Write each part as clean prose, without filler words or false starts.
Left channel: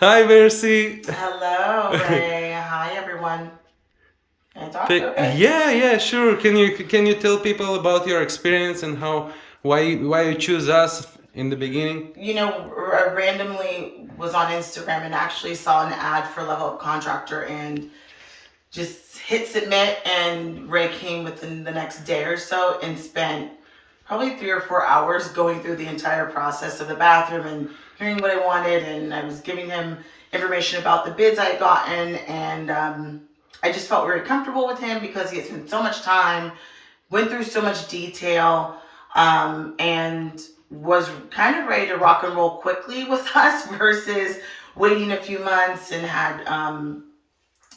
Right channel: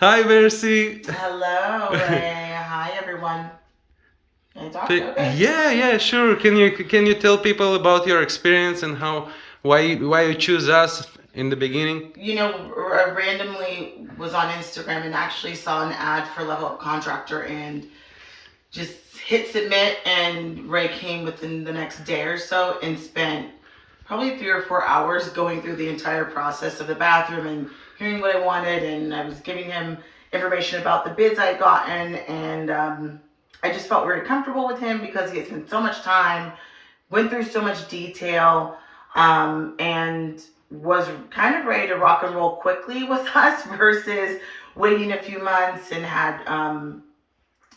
Hi, Mercy. Hello, Ray. Hi, everyone. Can I talk? Okay. Yeah, sure. Can you tell people about your experience and why you choose us in the beginning? Randomly was on Instagram and actually saw an ad for Level Up Contractor and just hit submit, and Ray came within the next day or so and spent probably 3 or 4 hours going through the entire process of the bathroom and hearing what I wanted, and I was giving him information about the bids I had gotten, and I just felt very comfortable with him because he had spent so much time, went through so much detail, and was kind of ready to rock and roll quickly with us versus waiting a few months and had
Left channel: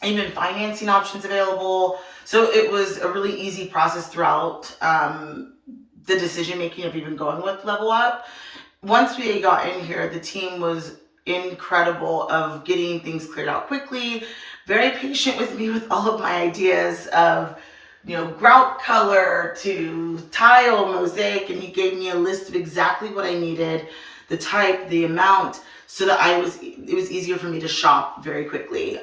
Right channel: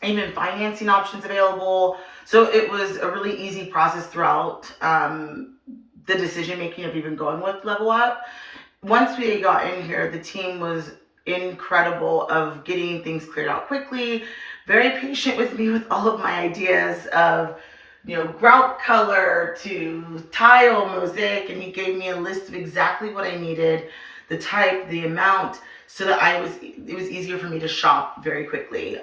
even financing options available. So it was a really easy process throughout the decision making of even going with Level Up. Once we got in here, the team was incredible of getting things cleared out quickly, very patient with me with all of my ideas of grout color to tile mosaic, and he gave me a list of exactly what I needed, the type, the amount, so that it was easier for me to shop very quickly.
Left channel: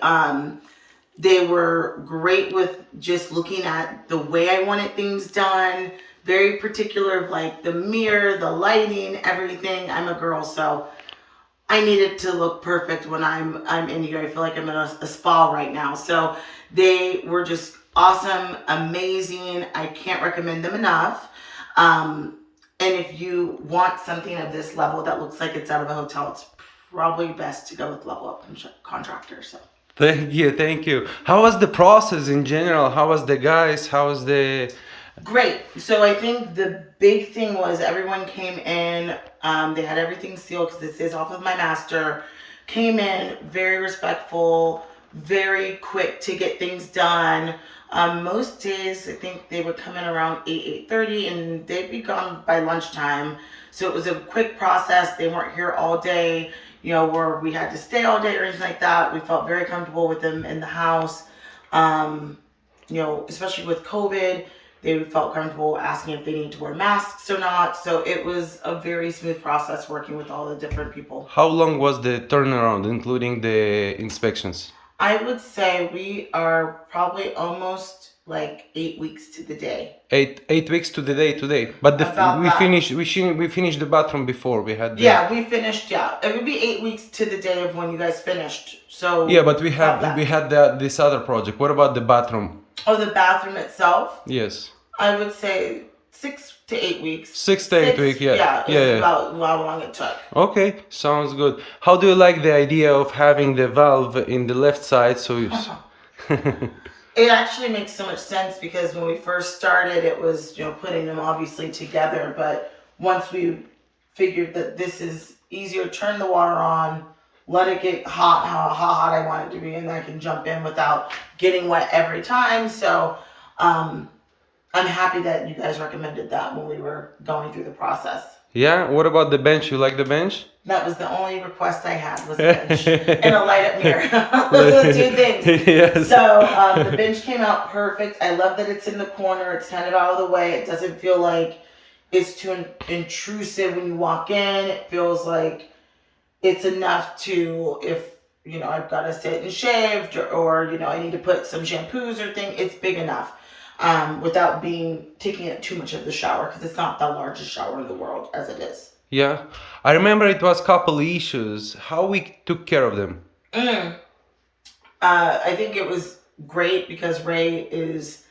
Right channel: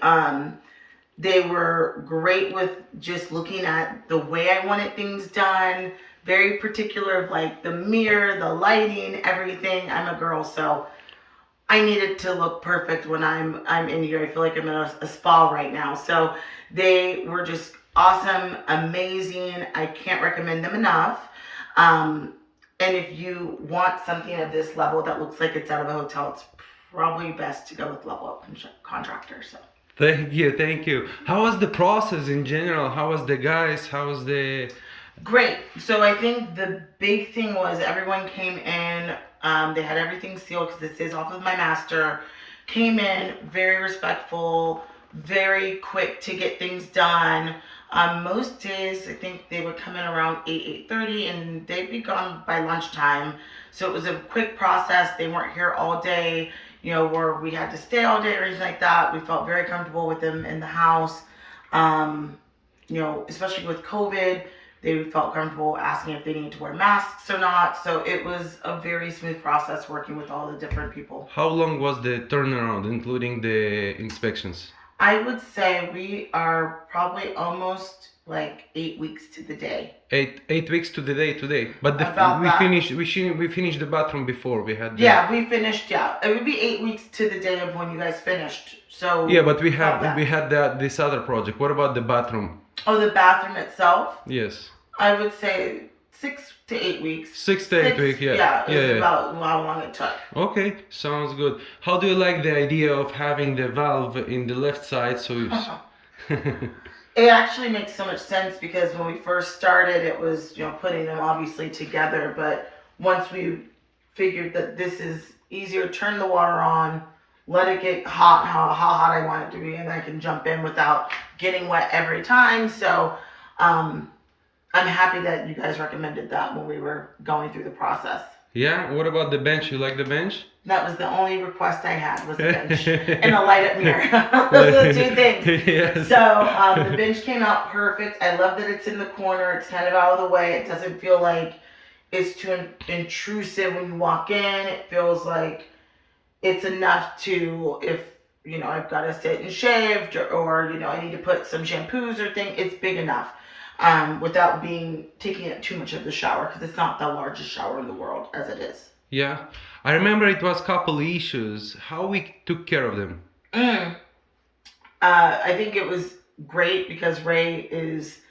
They were great with just looking at the way I wanted things done, very particular of like the mirror, the lighting, everything. I'm a girl, so I need it to look perfect when I'm in here. I feel like I'm in a spa right now. So they were just awesome, amazing. I can't recommend them enough. And if you want something of this level that looks like it's out of a hotel, it's probably best to go with Level Up Contractor. So. Thank you. How was the process in general? How was the guys? How was the? Great. So I think the big thing was everyone came in. They had everything sealed because this is off of my master. Came in very respectful, very quick to get things done. Most days, I think they would come in around 8:30, and they'd be gone by lunchtime. So it was a quick process. They weren't here all day, where we had to stay all day or anything like that. We felt very comfortable with them in the house. Especially with COVID, they felt comfortable asking if they need to wear masks or not. So it was a very smooth process working with all the different people. How long was the turnaround, including the inspections? I would say we are probably almost like 8 weeks to the day. Eight weeks to the day today. But About we that. finished we finished the bathroom before we had the. Yeah, we finished. Yeah, it would be 8 weeks to the day of when you guys finished. So Yeah, but about that. we had this other project. What about the bathroom? Oh, the bathroom itself. Yes. I would say 6 to 8 weeks. 6 to 8 weeks. Yeah. Yeah, is about how long it took. Okay, sounds good. How do you like the idea of having the valve in the left side? So you. It actually makes so much sense because when we first started, it was, putting them obviously together. But once we figured that this is easier, turn the water on, let it get hot, how hot I want it to be, and I can jump in without getting wet every time. So I'm happy that you guys recommended that when we were going through the process. Yeah. What about the bench? You like the bench? That was the only request I had, was a bench and a light up mirror. Those are the two things. Yes. So the bench came out perfect. I love that it's in the corner. It's kind of out of the way. It doesn't feel like it's too intrusive when you walk in. It feels like it's enough to, if I've got to sit and shave, or I need to put some shampoos or thing, it's big enough. Without taking it too much of the shower, because it's not the largest shower in the world as it is. Yeah. I remember it was couple issues. How we took care of them? I think it was great because Ray is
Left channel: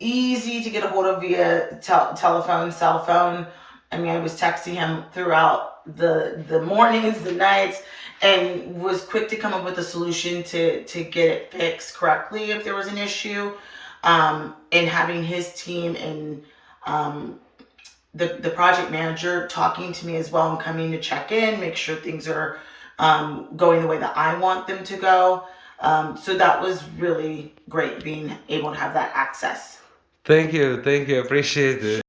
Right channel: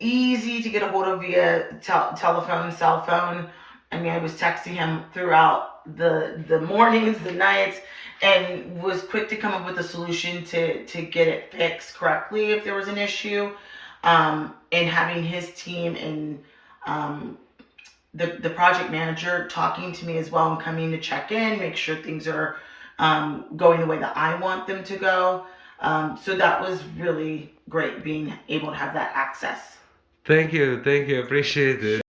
easy to get a hold of via telephone, cell phone. I mean, I was texting him throughout the mornings, the nights, and was quick to come up with a solution to get it fixed correctly if there was an issue. And having his team and the project manager talking to me as well and coming to check in, make sure things are going the way that I want them to go. So that was really great, being able to have that access. Thank you. Appreciate it.